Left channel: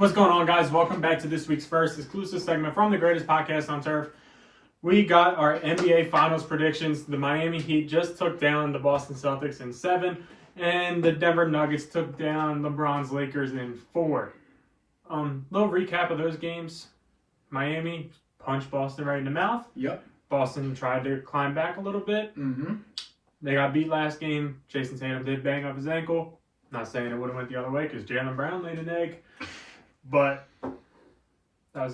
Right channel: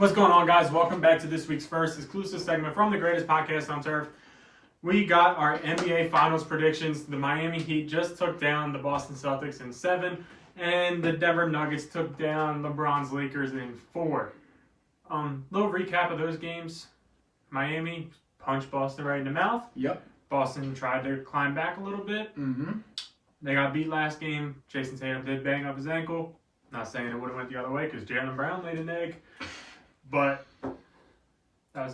What's going on, guys? Welcome back to this week's first exclusive segment from the greatest podcast on turf. We got our NBA Finals predictions. The Miami Heat just took down the Boston Celtics in 7, and the Denver Nuggets took down LeBron's Lakers in 4. Little recap of those games. Miami punched Boston right in the mouth. Yep. Boston tried to climb back a little bit. Mm-hmm. They got beat last game. Jason Tatum did bang up his ankle. Not saying it would have went the other way because Jaylen Brown laid an egg. But that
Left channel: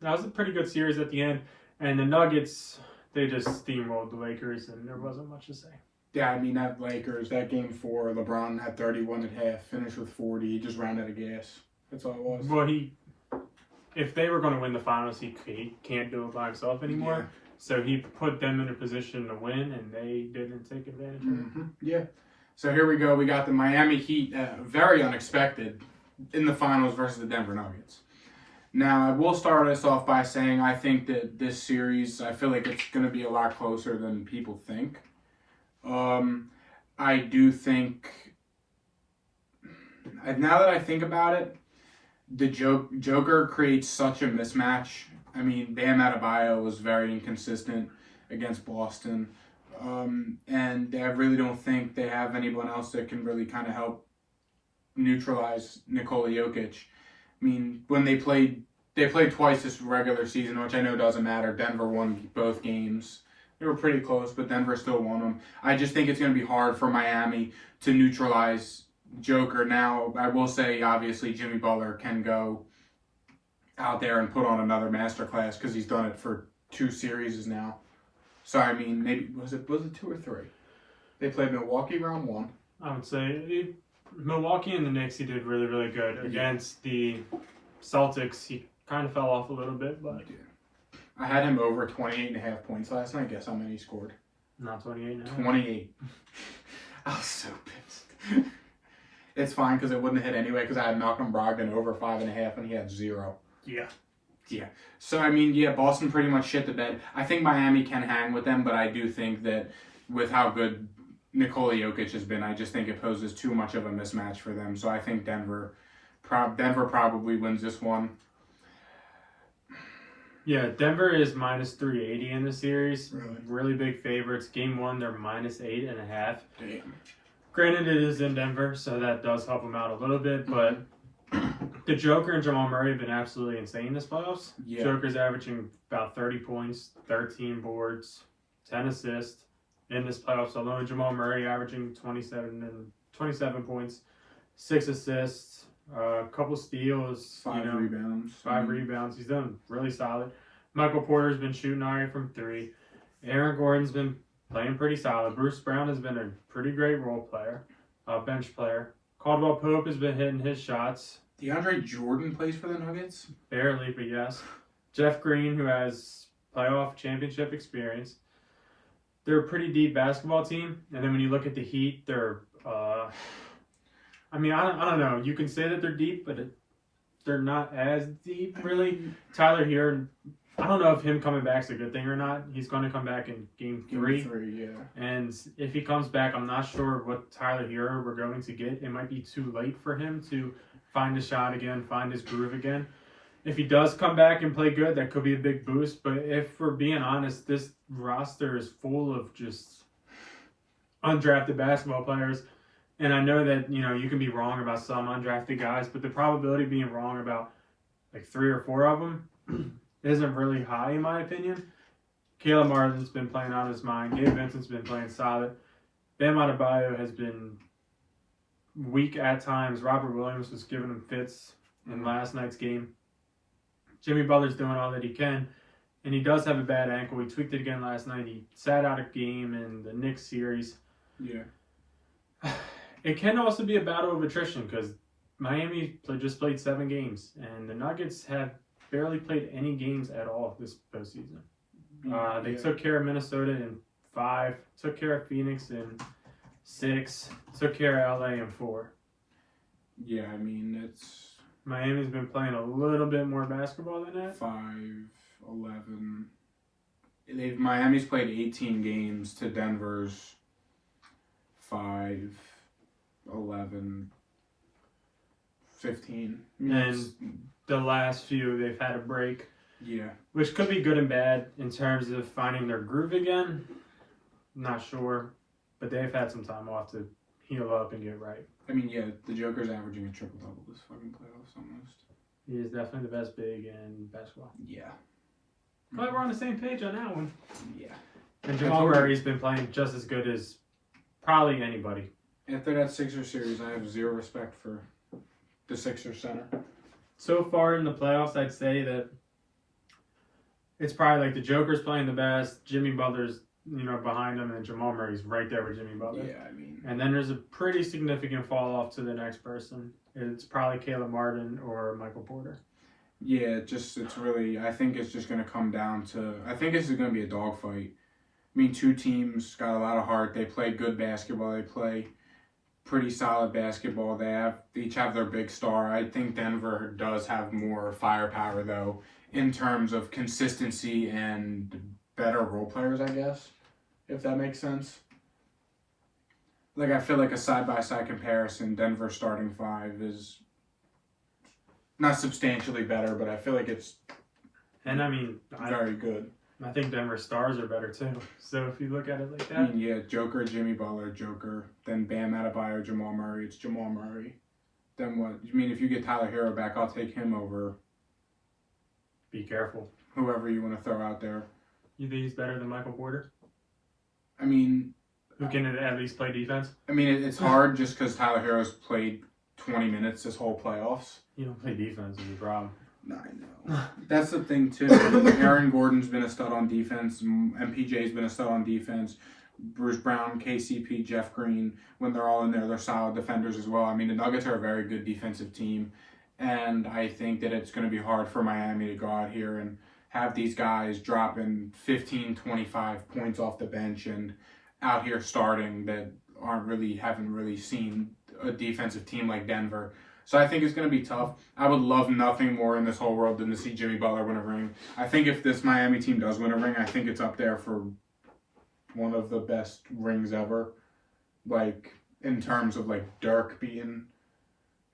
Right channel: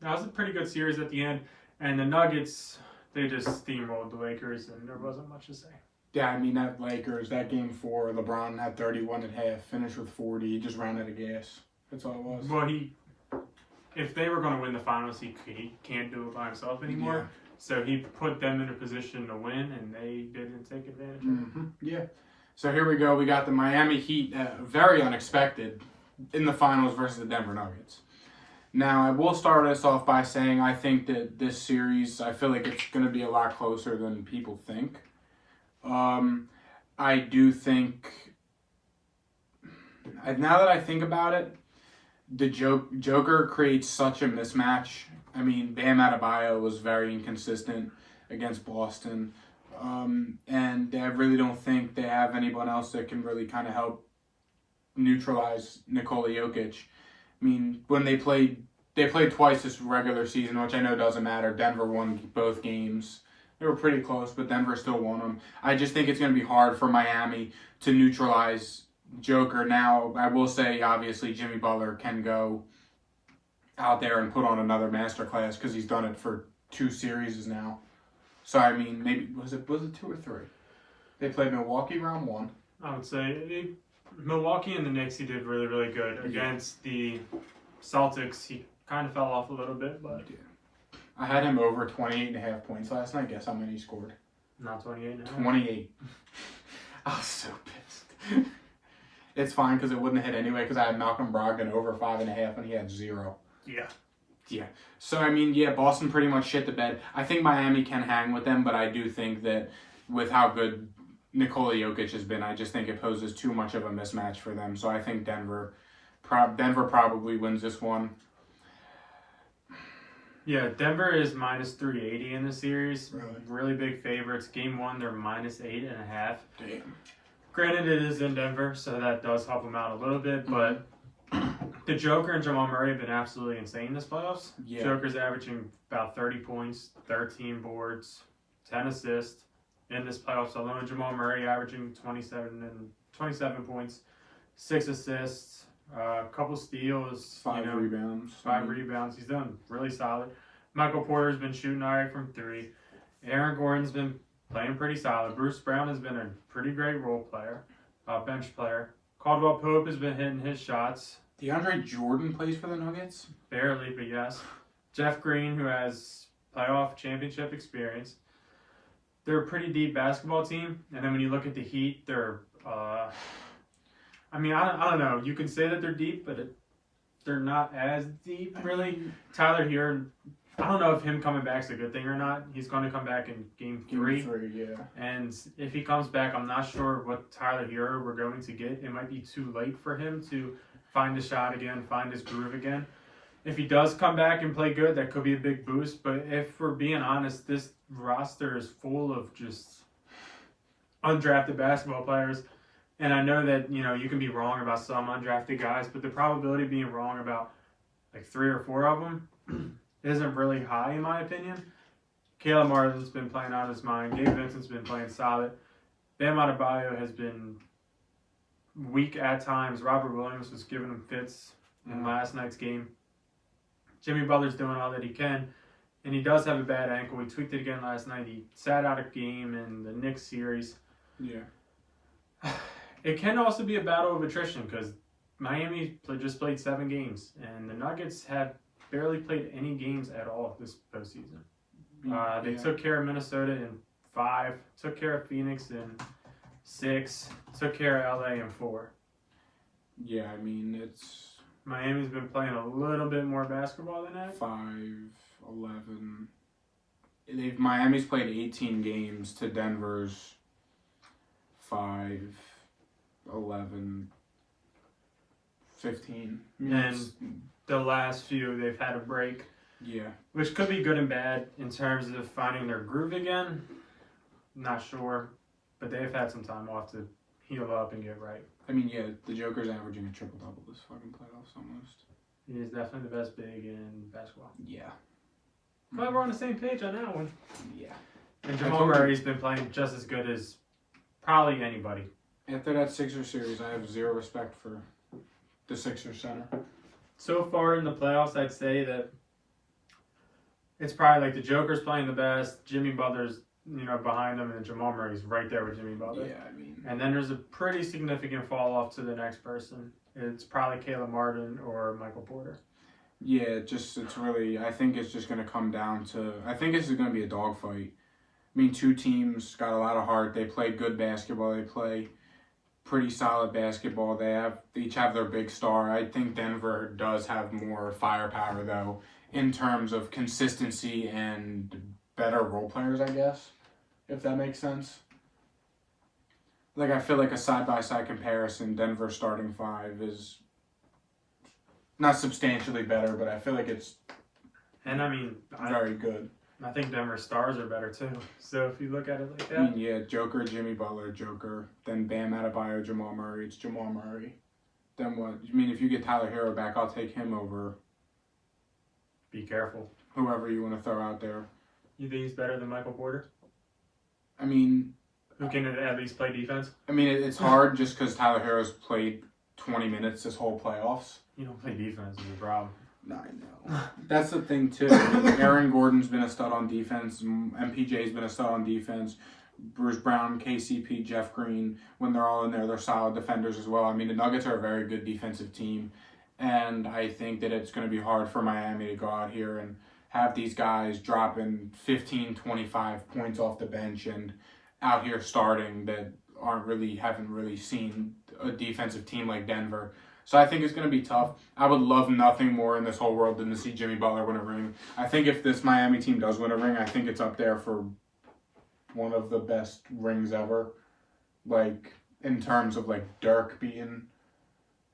was a pretty good series at the end. And the Nuggets, they just steamrolled the Lakers, and there wasn't much to say. Yeah, I mean, that game 4, LeBron had 31 at half, finished with 40. He just ran out of gas. That's all it was. Well, if they were going to win the finals, he can't do it by himself anymore. Yeah. So he put them in a position to win, and they didn't take advantage of it. Mm-hmm. Yeah. So here we go. We got the Miami Heat, very unexpected, in the finals versus the Denver Nuggets. Now, I will start us off by saying I think that this series, I feel like it's going to be a lot closer than people think. I do think, now that I think about it, the Joker creates such a mismatch. I mean, Bam Adebayo was very inconsistent against Boston. And I really don't think they have anyone else that can really kind of help neutralize Nikola Jokic. I mean, when they played twice this regular season, which I know doesn't matter. Denver won both games. They were pretty close, but Denver still won them. I just think it's going to be hard for Miami to neutralize Joker. Now, I will say, obviously, Jimmy Butler can go out there and put on another masterclass because he's done it for 2 series now. So, I mean, maybe, was it 2 or 3? They played Milwaukee round 1. I would say Milwaukee and the Knicks, he did really, really good. Against the Celtics, he kind of fell off a little bit, but... Yeah. I had him over 28.5 points last night. Guess how many he scored? Not 28 now. 28. I was so pissed. It's fine because it wouldn't have hit anyway because I had Malcolm Brogdon over 5.5 and he had 0. Yeah. Yeah. So, I mean, yeah, Boston pretty much shit the bed. I think Miami can hang with them, but I do think that with how good Nikola Jokic has been, I just think it poses too much of a mismatch for them. So I think Denver probably wins this one. Yeah, Denver is minus 380 in the series. Really? Really big favorites. Game 1, they're minus 8.5. Damn. Granted, it is in Denver, so that does help them out a little bit, but the Joker and Jamal Murray have been absolutely insane this playoffs. Yeah. Joker's averaging about 30 points, 13 boards, 10 assists in this playoffs alone. Jamal Murray averaging 27 points, 6 assists, a couple steals, 5 rebounds. 5 rebounds. He's done really solid. Michael Porter's been shooting all right from 3. Aaron Gordon's been playing pretty solid. Bruce Brown has been a pretty great role player, bench player. Caldwell Pope has been hitting his shots. DeAndre Jordan plays for the Nuggets? Barely, but yes. Jeff Green, who has playoff championship experience. They're a pretty deep basketball team. And then when you look at the Heat, they're... I don't know. You can say that they're deep, but they're not as deep, really. Tyler Hero, I don't know if him coming back is a good thing or not. He's going to come back in Game 3. Game 3, yeah. And if he comes back, I'm not sure what Tyler Hero we're going to get. It might be too late for him to find a shot again, find his groove again. If he does come back and play good, that could be a big boost. But if we're being honest, this roster is full of just undrafted basketball players. And I know that, you can be wrong about some undrafted guys, but the probability of being wrong about like 3 or 4 of them isn't really high, in my opinion. Caleb Martin's been playing out of his mind. Gabe Vincent's been playing solid. Bam Adebayo has been weak at times. Robert Williams was giving him fits in last night's game. Jimmy Butler's doing all that he can, and he does have a bad ankle. He tweaked it again last night. He sat out a game in the Knicks series. Yeah. It can also be a battle of attrition because Miami just played 7 games, and the Nuggets have barely played any games at all this postseason. They took care of Minnesota in 5, took care of Phoenix in 6, took care of LA in 4. Yeah, I mean, it's... Miami's been playing a little bit more basketball than that. 5, 11... Miami's played 18 games to Denver's 5, 11, 15. And the last few they've had a break. Yeah. Which could be good and bad in terms of finding their groove again. Not sure. But they've had some time off to heal up and get right. I mean, yeah, the Joker's averaging a triple-double this fucking playoffs almost. He is definitely the best big in basketball. Yeah. Glad we're on the same page on that one. Yeah. And Jamal Murray's been playing just as good as probably anybody. After that Sixers series, I have zero respect for the Sixers center. So far in the playoffs, I'd say that it's probably like the Joker's playing the best, Jimmy Butler's, behind him, and Jamal Murray's right there with Jimmy Butler. Yeah, I mean. And then there's a pretty significant fall off to the next person. It's probably Caleb Martin or Michael Porter. Yeah, I think it's just going to come down to, I think it's going to be a dogfight. I mean, two teams got a lot of heart. They play good basketball. They play pretty solid basketball. They each have their big star. I think Denver does have more firepower, though, in terms of consistency and better role players, I guess, if that makes sense. Like, I feel like a side-by-side comparison, Denver starting five is not substantially better, but I feel like it's very good. I think Denver stars are better, too. So if you look at it like that. I mean, yeah, Joker, Jimmy Butler, Joker. Then Bam Adebayo, Jamal Murray. It's Jamal Murray. Then what? I mean, if you get Tyler Hero back, I'll take him over Be careful. whoever you want to throw out there. You think he's better than Michael Porter? I mean... Who can at least play defense? I mean, it's hard just because Tyler Hero's played 20 minutes this whole playoffs. You don't play defense is the problem. No, I know. That's the thing, too. Aaron Gordon's been a stud on defense. MPJ's been a stud on defense. Bruce Brown, KCP, Jeff Green, when they're all in there, they're solid defenders as well. I mean, the Nuggets are a very good defensive team. And I think that it's going to be hard for Miami to go out here and have these guys dropping 15, 25 points off the bench and out here starting that haven't really seen a defensive team like Denver. So I think it's going to be tough. I would love nothing more in this whole world than to see Jimmy Butler win a ring. I think if this Miami team does win a ring, I think it's up there for one of the best rings ever. Like, in terms of, like, Dirk beating...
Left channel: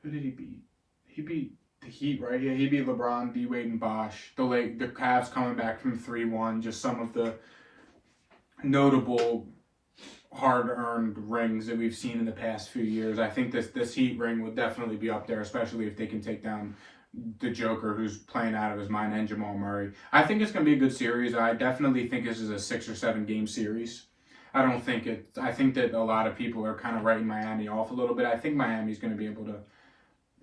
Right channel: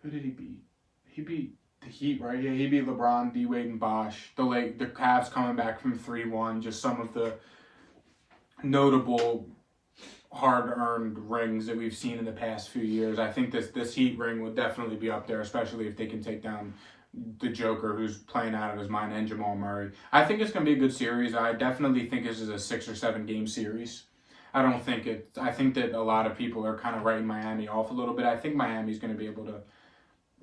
Who did he beat? He beat the Heat, right? Yeah, he beat LeBron, D-Wade, and Bosh. The Cavs coming back from 3-1. Just some of the notable... hard-earned rings that we've seen in the past few years. I think this Heat ring would definitely be up there, especially if they can take down the Joker, who's playing out of his mind, and Jamal Murray. I think it's going to be a good series. I definitely think this is a 6 or 7 game series. I think that a lot of people are kind of writing Miami off a little bit. I think Miami's going to be able to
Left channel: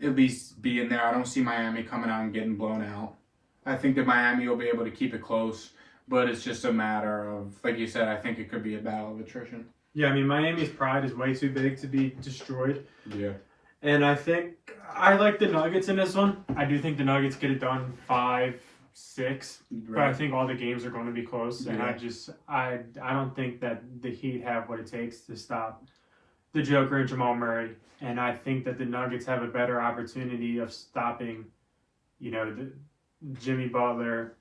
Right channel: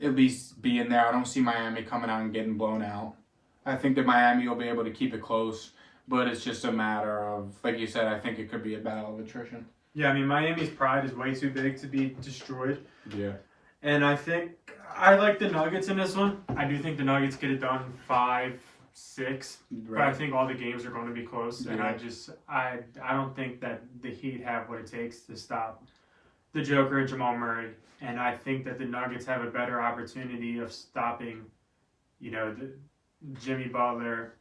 at least be in there. I don't see Miami coming out and getting blown out. I think that Miami will be able to keep it close, but it's just a matter of, like you said, I think it could be a battle of attrition. Yeah, I mean, Miami's pride is way too big to be destroyed. Yeah. And I think I like the Nuggets in this one. I do think the Nuggets get it done 5-6, right. But I think all the games are going to be close. Yeah. And I don't think that the Heat have what it takes to stop the Joker and Jamal Murray. And I think that the Nuggets have a better opportunity of stopping, the Jimmy Butler.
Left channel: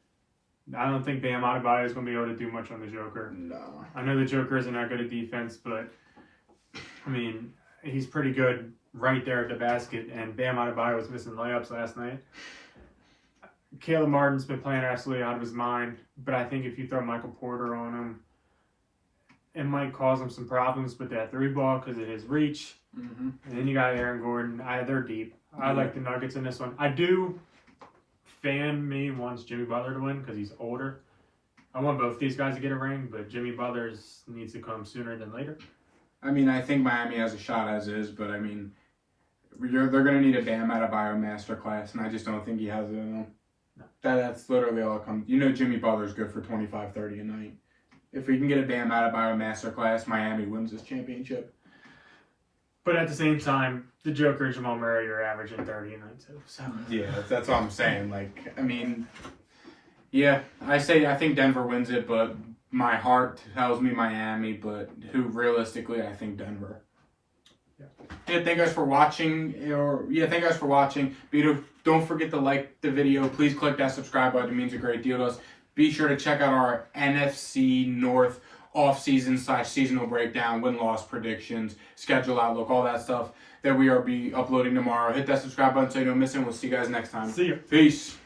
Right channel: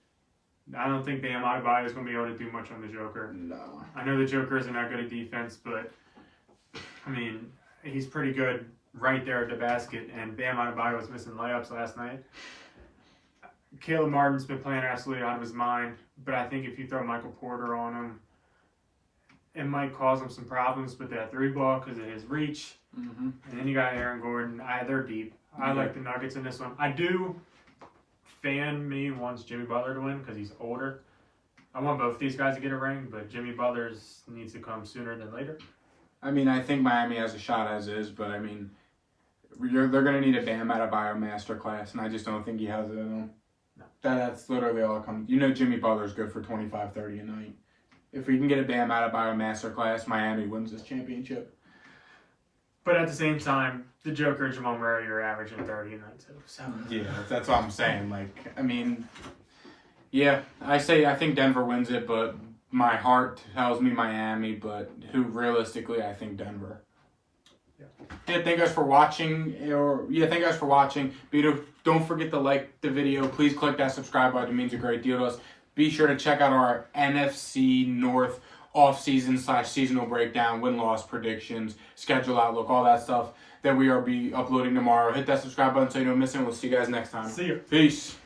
I don't think Bam Adebayo is going to be able to do much on the Joker. No. I know the Joker isn't that good at defense, but, I mean, he's pretty good right there at the basket, and Bam Adebayo was missing layups last night. Caleb Martin's been playing absolutely out of his mind, but I think if you throw Michael Porter on him, it might cause him some problems with that 3-ball because of his reach. Mm-hmm. And then you got Aaron Gordon. They're deep. I like the Nuggets in this one. I do... Fan me wants Jimmy Butler to win because he's older. I want both these guys to get a ring, but Jimmy Butler needs to come sooner than later. I mean, I think Miami has a shot as is, but I mean, they're going to need a Bam Adebayo masterclass, and I just don't think he has it in him. No. That's literally all it comes. Jimmy Butler's good for 25, 30 a night. If we can get a Bam Adebayo masterclass, Miami wins this championship. But at the same time, the Joker and Jamal Murray are averaging 30 a night too. So yeah, that's all I'm saying. Like, I mean, yeah, I think Denver wins it, but my heart tells me Miami. But realistically, I think Denver. Yeah. Thank you guys for watching. Thank you guys for watching. Don't forget to like the video. Please click that subscribe button. It means a great deal to us. Be sure to check out our NFC North off-season / seasonal breakdown, win-loss predictions, schedule outlook, all that stuff. that we are be uploading tomorrow. Hit that subscribe button so you don't miss it. We'll see you guys next time. See ya. Peace.